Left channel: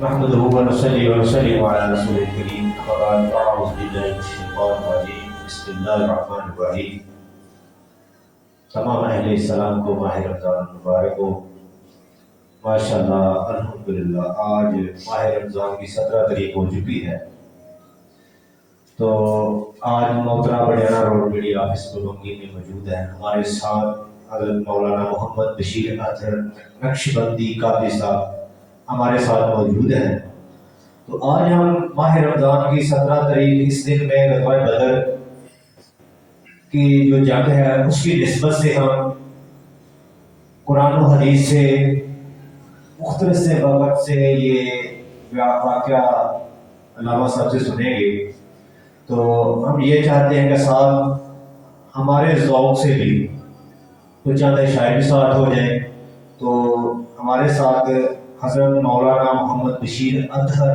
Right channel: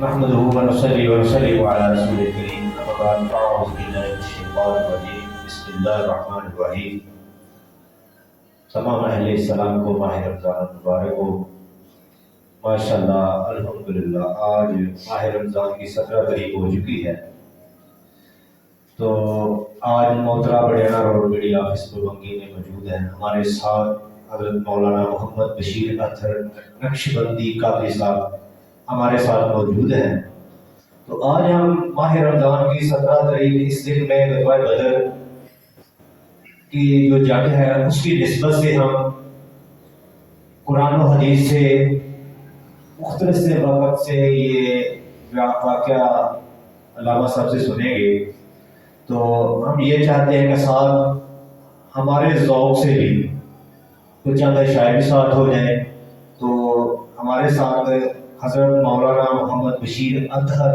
نحمده ونصلي ونسلم على رسول الكريم أما بعد فأعوذ بالله من الشيطان الرجيم بسم اللہ الرحمن الرحیم۔ تمام اہل اسلام کو ماہ رمضان مبارک ہو۔ ماشاءاللہ الحمدللہ آج ماہ رمضان کی 17 تاریخ ہو چکی ہے، تو آج محترمہ بڑیانہ روڈ میڈیا آفس بلونگی میں موجود ہیں۔ ہمارے ساتھ حضرت مولانا محمد بشیر اطہر نقشبندی قادری صاحب ہمارے ساتھ موجود ہیں۔ تو آج ہم ماہ رمضان کی 17 تاریخ اس دن میں غزوہ بدر کی جو جنگ ہے اس کی نسبت سے ہم قرآن و حدیث سے مختلف سے وقت سے یہ واقعہ علامہ صاحب سے سنیں گے۔ تو ہم یہ چاہتے ہیں کہ ساتھ ہمارے ذوق سے بھی کچھ چند شاعری ساتھ ہو جائیں۔ تو ہمارے ساتھ حضرت مولانا محمد بشیر اطہر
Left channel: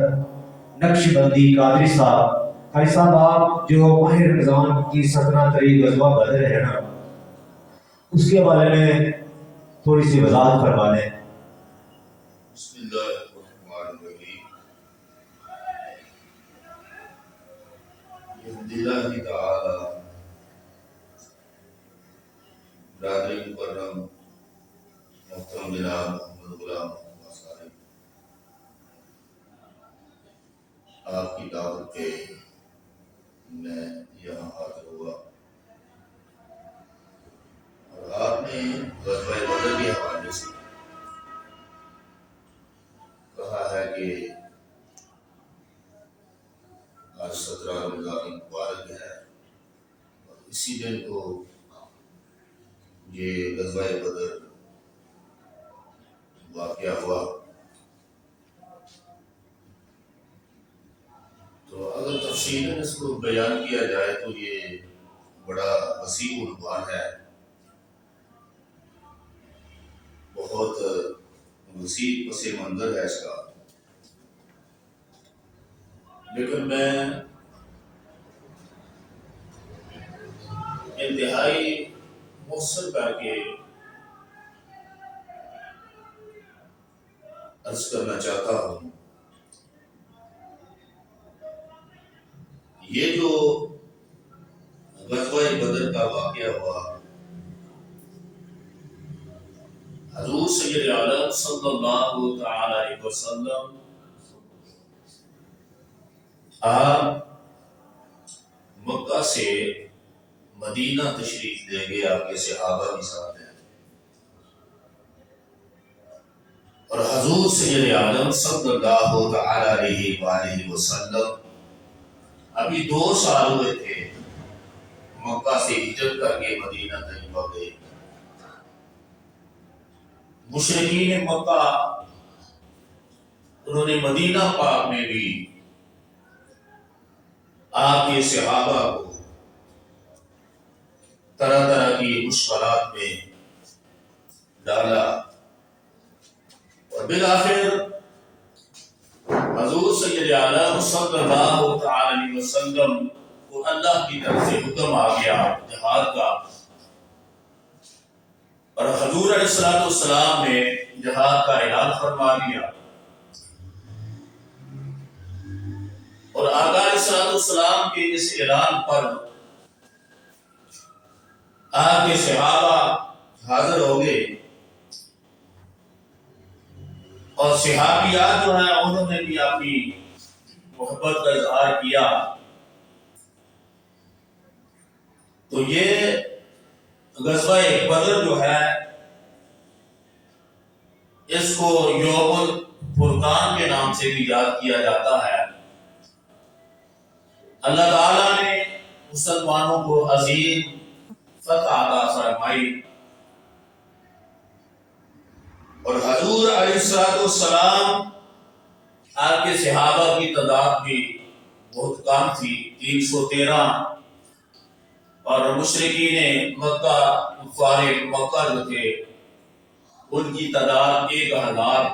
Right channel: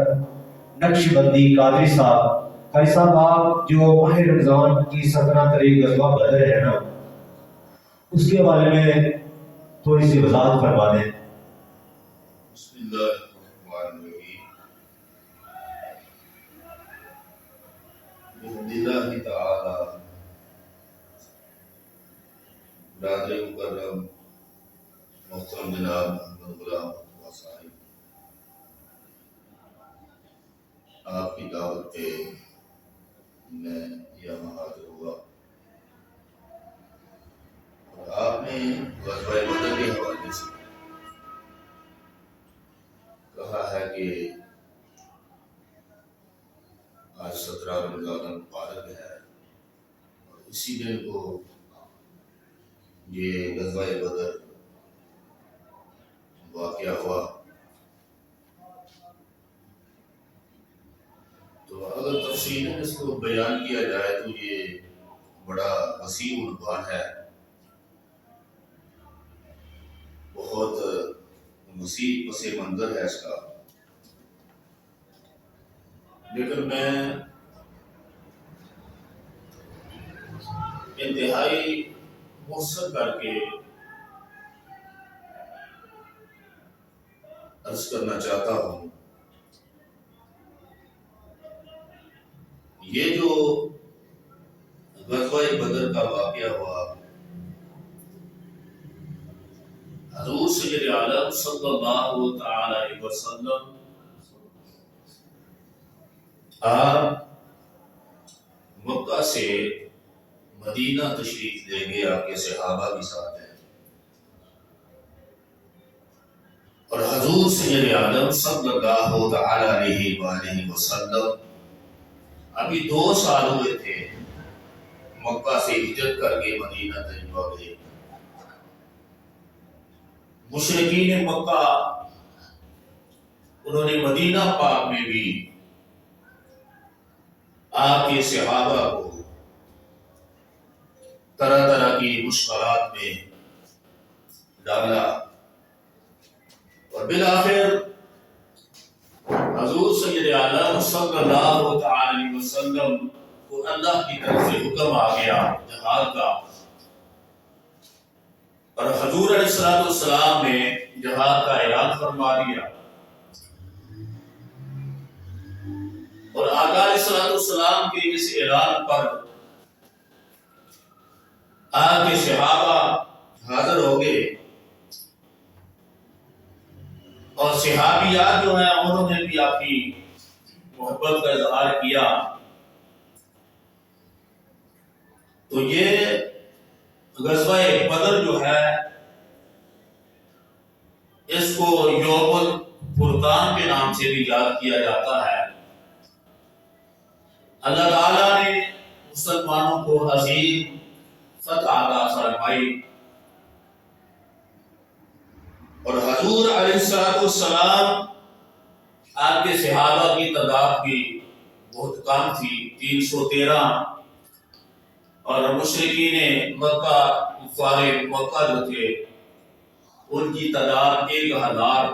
نقشبندی قادری صاحب۔ قاری صاحب آپ جو ماہ رمضان کی 17 تاریخ غزوہ بدر ہے نا، اس کے بارے میں تھوڑی سی وضاحت فرما دیں۔ بسم اللہ الرحمن الرحیم۔ بحمد اللہ تعالی برادر مکرم محترم جناب محمد غلام صاحب، آپ کی دعوت پہ میں یہاں حاضر ہوا اور آپ نے غزوہ بدر کے حوالے سے کہا ہے کہ آج 17 رمضان مبارک ہے اور اسی دن کو یہ غزوہ بدر واقعہ ہوا۔ تو اگر تفصیلاً اس کو بیان کیا جائے تو یہ بڑا وسیع عنوان ہے، بہت وسیع پس منظر ہے اس کا، لیکن میں انتہائی مختصر کر کے عرض کرنا چاہتا ہوں۔ یہ جو غزوہ بدر کا واقعہ ہوا، حضور سید عالم صلی اللہ تعالی علیہ وسلم آپ مکہ سے مدینہ تشریف لے گئے، آپ کے صحابہ بھی ساتھ ہیں، اور حضور سید عالم صلی اللہ تعالی علیہ وآلہ وسلم ابھی 2 سال ہوئے تھے مکہ سے ہجرت کر کے مدینہ طیبہ گئے۔ مشرکین مکہ انہوں نے مدینہ پاک میں بھی آپ کے صحابہ کو طرح طرح کی مشکلات میں ڈالا، اور بالآخر حضور سید عالم صلی اللہ تعالی علیہ وسلم کو اللہ کی طرف سے حکم آ گیا جہاد کا، اور حضور علیہ السلام نے جہاد کا اعلان فرما دیا، اور آقا علیہ السلام کے اس اعلان پر آپ کے صحابہ حاضر ہو گئے، اور صحابیات جو ہیں انہوں نے بھی اپنی محبت کا اظہار کیا۔ تو یہ غزوہ بدر جو ہے اس کو یوم الفرقان کے نام سے بھی یاد کیا جاتا ہے۔ اللہ تعالیٰ نے مسلمانوں کو عظیم فتح عطا فرمائی، اور حضور علیہ السلام آپ کے صحابہ کی تعداد بھی بہت کم تھی، 313، اور مشرکین مکہ کفار مکہ جو تھے ان کی تعداد 1000،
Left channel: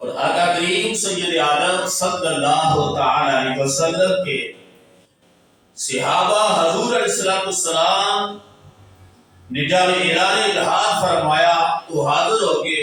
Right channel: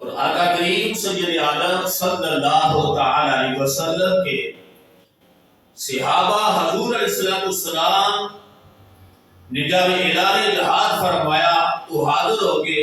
اور آقا کریم سید عالم صلی اللہ تعالی علیہ وسلم کے صحابہ حضور علیہ السلام نے جب اعلان جہاد فرمایا تو حاضر ہو کے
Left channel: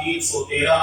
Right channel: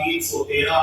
313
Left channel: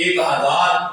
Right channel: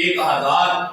1000।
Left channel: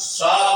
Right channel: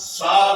7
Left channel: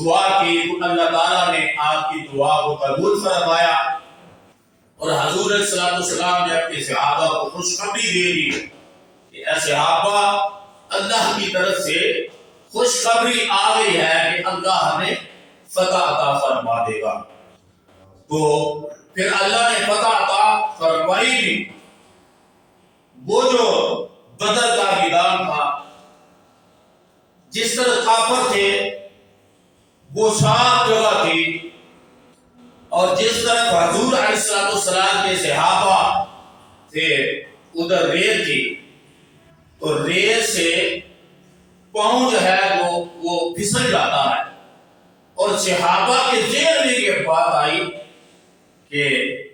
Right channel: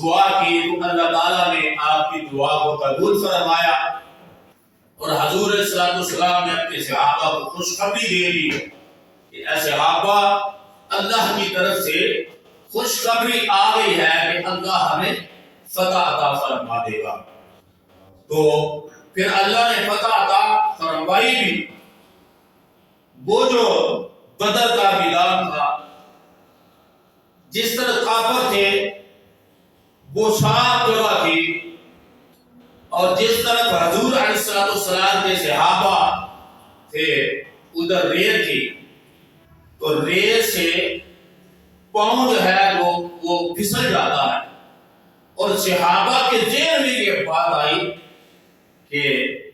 دعا کی تو اللہ تعالیٰ نے آپ کی دعا کو قبول فرمایا، اور حضور صلی اللہ علیہ وسلم نے اپنے صحابہ کو خوشخبری دے دی کہ اے صحابہ، اللہ کی طرف سے خوشخبری آ گئی ہے کہ اللہ ہمیں فتح عطا فرما دے گا۔ تو پھر اللہ نے فتح عطا فرمائی بھی۔ وہ جو بدر کا میدان تھا، جس طرح کافر تھے وہ صاف جگہ تھی، اور جس طرح حضور علیہ السلام کے صحابہ تھے ادھر ریت تھی، تو ریت سے پاؤں جو ہے وہ پھسل جاتا ہے، اور صحابہ کے ذہن میں یہ بات آئی کہ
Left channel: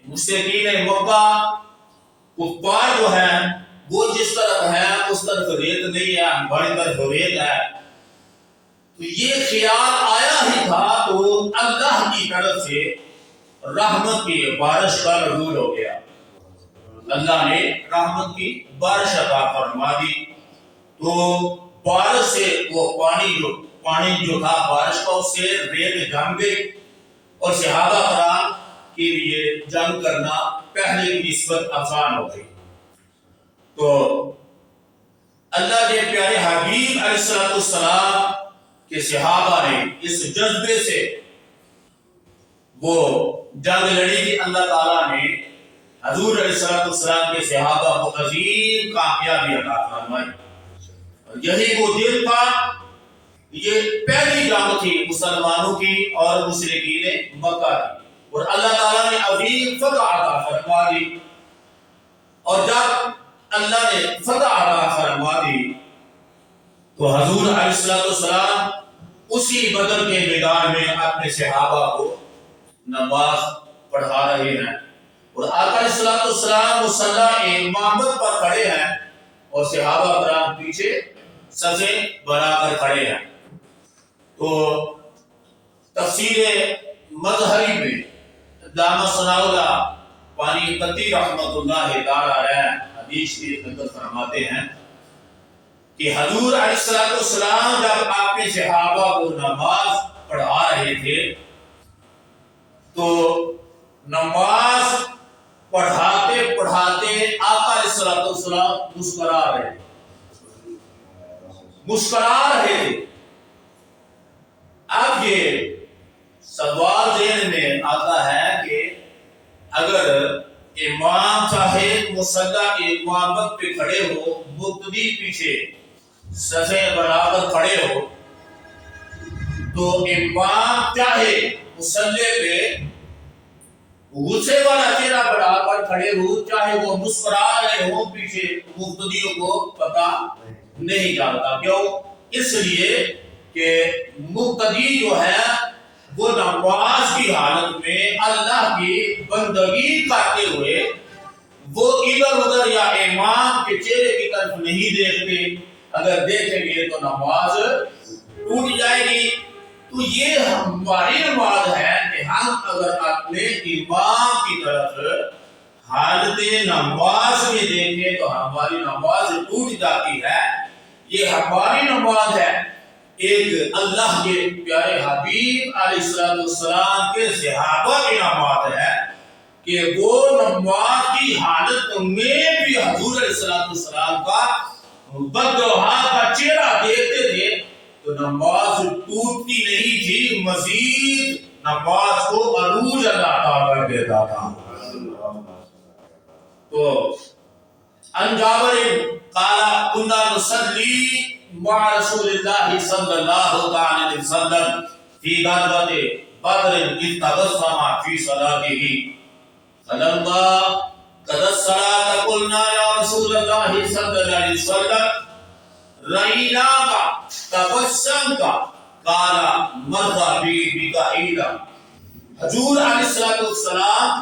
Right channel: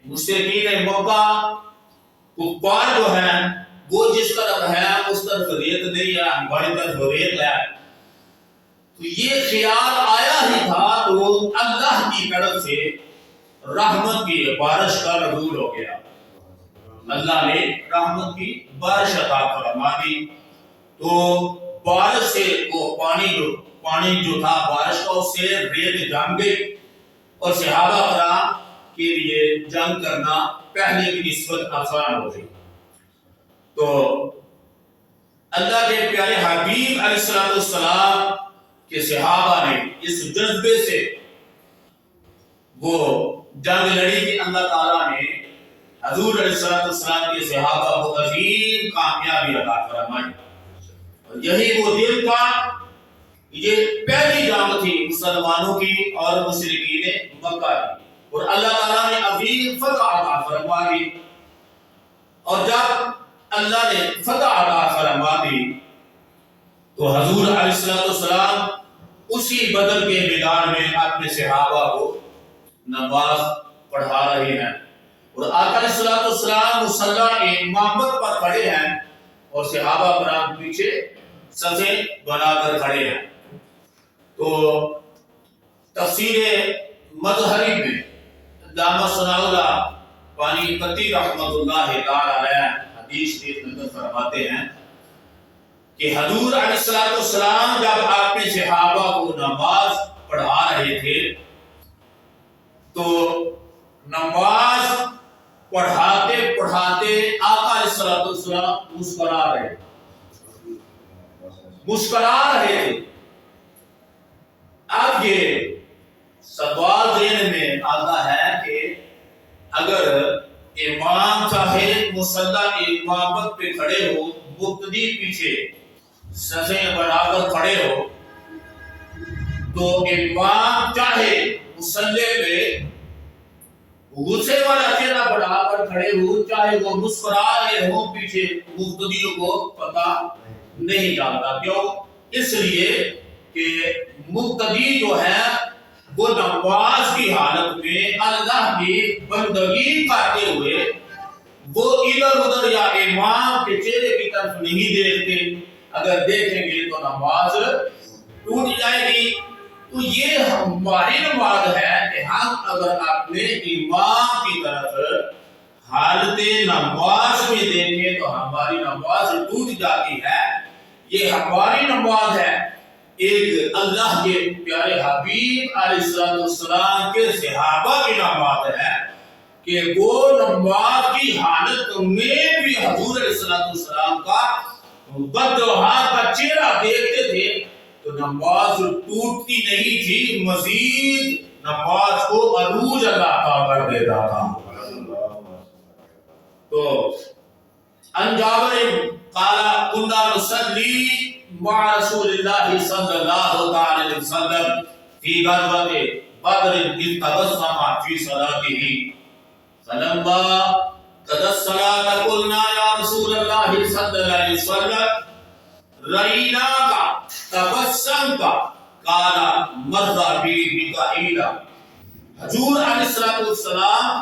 مشرکین مکہ کفار جو ہیں وہ جس طرف ہے اس طرف ریت نہیں ہے، ہماری طرف ریت ہے۔ تو یہ خیال آیا ہی تھا تو اللہ کی طرف سے رحمت کی بارش کا نزول ہو گیا، اللہ نے رحمت کی بارش عطا فرما دی۔ تو بارش سے وہ پانی جو تھا بارش کا، اس سے ریت جم گئی، اور صحابہ کرام کے لیے جنگ کرنا پہلے کی نسبت آسان ہو گئی۔ تو اللہ کے پیارے حبیب علیہ السلام کے صحابہ نے اس جذبے سے وہ جنگ لڑی کہ اللہ تعالیٰ نے حضور علیہ السلام کے صحابہ کو عظیم کامیابی عطا فرمائی۔ اور یہی وہ دن تھا، یہ پہلی جنگ تھی مسلمانوں کی اور مشرکین مکہ کی، اور اللہ تعالیٰ نے عظیم فتح عطا فرما دی۔ اور جب اللہ نے فتح عطا فرما دی تو حضور علیہ السلام اسی بدر کے میدان میں اپنے صحابہ کو نماز پڑھا رہے ہیں، اور آقا علیہ السلام مصلی امامت پر کھڑے ہیں، اور صحابہ کرام پیچھے صفیں بنا کر کھڑے ہیں۔ تو تفسیر مظہری میں علامہ ثناء اللہ پانی پتی رحمۃ اللہ تعالی علیہ حدیث کے نقل فرماتے ہیں کہ حضور علیہ السلام جب اپنے صحابہ کو نماز پڑھا رہے تھے تو نماز پڑھاتے پڑھاتے آقا علیہ السلام مسکرا رہے تھے۔ اب یہ سوال ذہن میں آتا ہے کہ اگر امام صاحب مصلی امامت پہ کھڑے ہو، مقتدی پیچھے صفیں بنا کر کھڑے ہو، تو امام چاہے مصلی پہ غصے والا چہرہ بنا کر کھڑے ہو، چاہے وہ مسکرا رہے ہوں، پیچھے مقتدیوں کو پتہ نہیں چلتا۔ کیوں؟ اس لیے کہ مقتدی جو ہے وہ نماز کی حالت میں اللہ کی بندگی کرتے ہوئے وہ ادھر ادھر یا امام کے چہرے کی طرف نہیں دیکھتے، اگر دیکھیں گے تو نماز ٹوٹ جائے گی۔ تو یہ ہماری نماز ہے کہ ہم اگر اپنے امام کی طرف حالت نماز میں دیکھیں تو ہماری نماز ٹوٹ جاتی ہے۔ یہ ہماری نماز ہے۔ ایک اللہ کے پیارے حبیب علیہ السلام کے صحابہ کی نماز ہے کہ وہ نماز کی حالت میں بھی حضور علیہ السلام کا بددعا کا چہرہ دیکھتے تھے تو نماز ٹوٹتی نہیں تھی، مزید نماز کو عروج عطا کر دیتا تھا۔ تو عن جابر قال كنا نصلي مع رسول الله صلى الله عليه وسلم في غزوة بدر إذ تبسم في صلاته فلما قضى الصلاة قلنا يا رسول الله صلى الله عليه وسلم رأيناك تبسمت قال مر بي بقعيدا۔ حضور علیہ السلام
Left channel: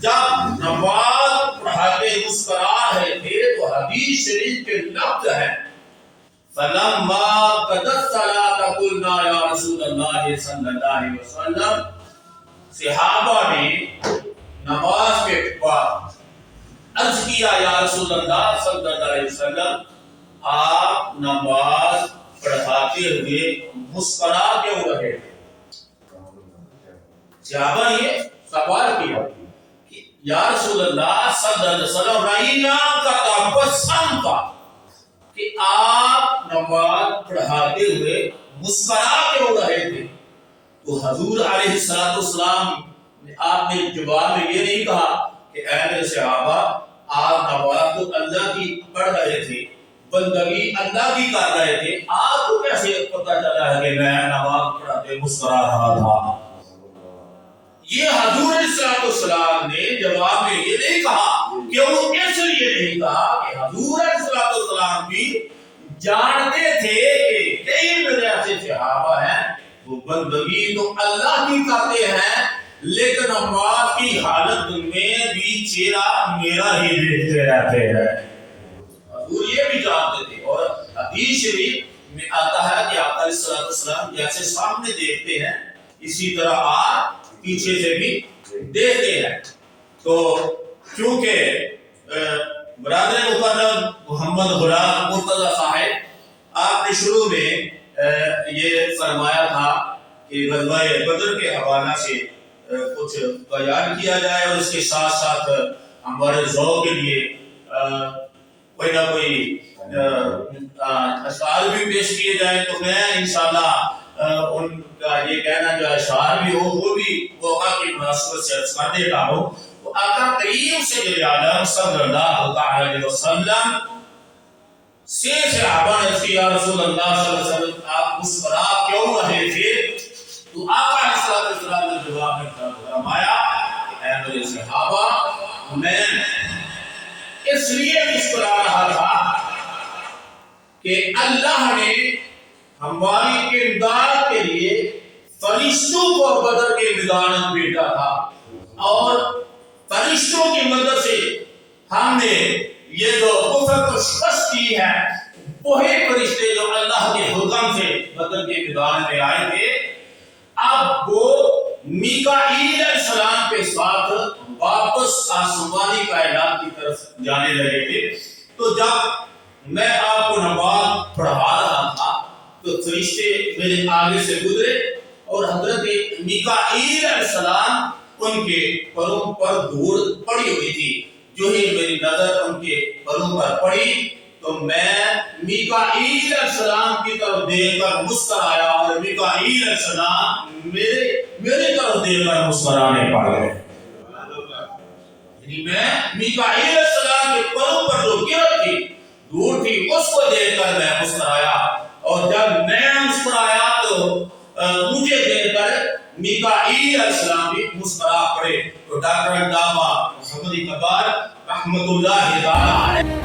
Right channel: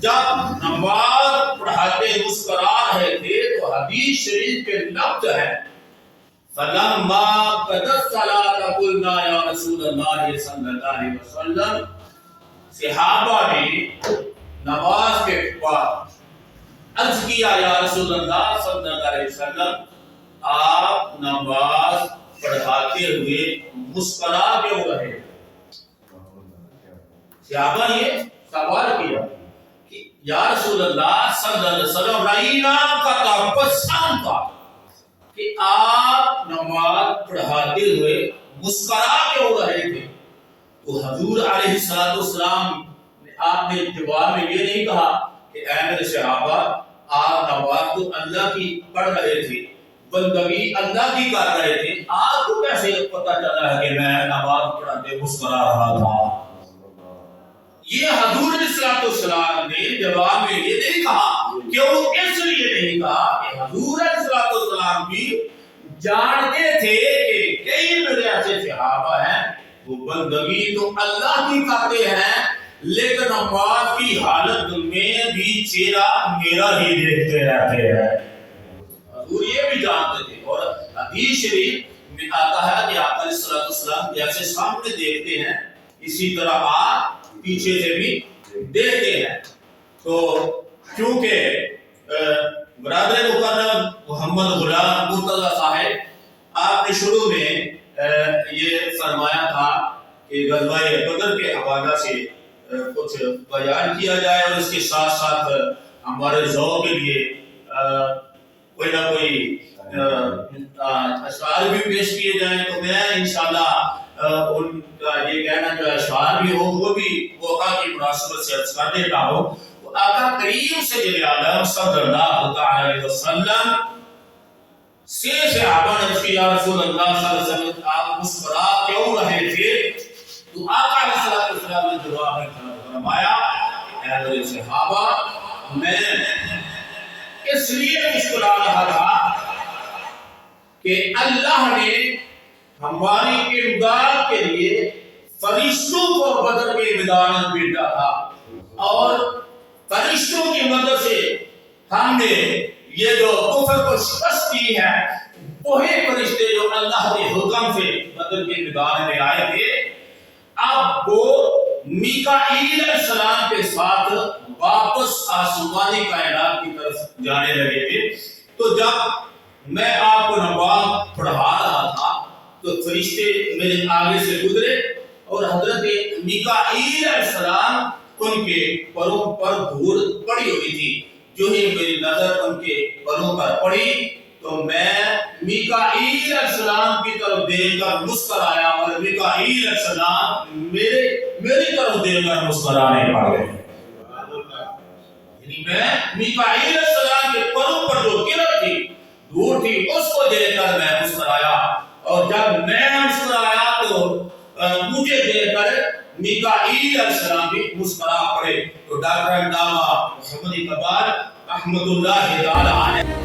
جب نماز پڑھاتے مسکرا رہے تھے تو حدیث شریف کے لفظ ہے فلما قضى الصلاة قلنا يا رسول الله صلی اللہ علیہ وسلم، صحابہ نے نماز کے بعد عرض کیا یا رسول اللہ صلی اللہ علیہ وسلم، آپ نماز پڑھاتے ہوئے مسکرا کیوں رہے؟ صحابہ نے یہ سوال کیا کہ یا رسول اللہ صلی اللہ علیہ وسلم رائینا کا تبسم کا، کہ آپ نماز پڑھاتے ہوئے مسکرا کیوں رہے تھے؟ تو حضور علیہ السلام نے آپ نے جواب میں یہ نہیں کہا کہ اے میرے صحابہ آپ نماز تو اللہ کی پڑھ رہے تھے، بندگی اللہ کی کر رہے تھے، آپ کو کیسے پتہ چلا ہے کہ میں نماز پڑھاتے مسکرا رہا تھا؟ یہ حضور علیہ السلام نے جواب میں یہ نہیں کہا، کیوں؟ اس لیے نہیں کہا کہ حضور علیہ السلام بھی جانتے تھے کہ کئی میرے ایسے صحابہ ہیں وہ بندگی تو اللہ کی کرتے ہیں لیکن نماز کی حالت میں بھی چہرہ میرا ہی دیکھتے رہتے ہیں۔ حضور یہ بھی جانتے تھے، اور حدیث شریف میں آتا ہے کہ آقا علیہ السلام جیسے سامنے دیکھتے ہیں اسی طرح آپ پیچھے سے بھی دیکھتے ہیں۔ تو چونکہ برادر مکرم محمد غلام مرتضی صاحب آپ نے شروع میں یہ فرمایا تھا کہ غزوہ بدر کے حوالہ سے کچھ بیان کیا جائے اور اس کے ساتھ ساتھ ہمارے ذوق کے لیے کوئی نہ کوئی اشعار بھی پیش کیے جائیں، تو میں انشاءاللہ ان کا یہ کہنا جو اشعار بھی ہو وہ بھی موقع کی مناسبت سے عرض کر دیتا ہوں۔ تو آقا کریم سید عالم صلی اللہ تعالی علیہ وسلم سے صحابہ نے کہا یا رسول اللہ صلی اللہ علیہ وسلم آپ مسکرا کیوں رہے تھے؟ تو آقا علیہ السلام نے جواب میں فرمایا اے میرے صحابہ میں اس لیے مسکرا رہا تھا کہ اللہ نے ہماری امداد کے لیے فرشتوں کو بدر کے میدان میں بھیجا تھا، اور فرشتوں کی مدد سے ہم نے یہ جو کفر کو شکست دی ہے، وہی فرشتے جو اللہ کے حکم سے بدر کے میدان میں آئے تھے اب وہ میکائیل علیہ السلام کے ساتھ واپس آسمانی کائنات کی طرف جانے لگے تھے۔ تو جب میں آپ کو نماز پڑھا رہا تھا تو فرشتے میرے آگے سے گزرے اور حضرت میکائیل علیہ السلام ان کے پروں پر دھوڑ پڑی ہوئی تھی۔ جو ہی میری نظر ان کے پروں پر پڑی تو میں میکائیل علیہ السلام کی طرف دیکھ کر مسکرایا اور میکائیل علیہ السلام میری طرف دیکھ کر مسکرانے پڑ گئے۔ یعنی میں میکائیل علیہ السلام کے پروں پر جو گرد تھی دھوڑ تھی اس کو دیکھ کر میں مسکرایا، اور جب میں مسکرایا تو مجھے دیکھ کر میکائیل علیہ السلام بھی مسکرا پڑے۔ تو ڈاکٹر علامہ محمد اقبال رحمت اللہ تعالی علیہ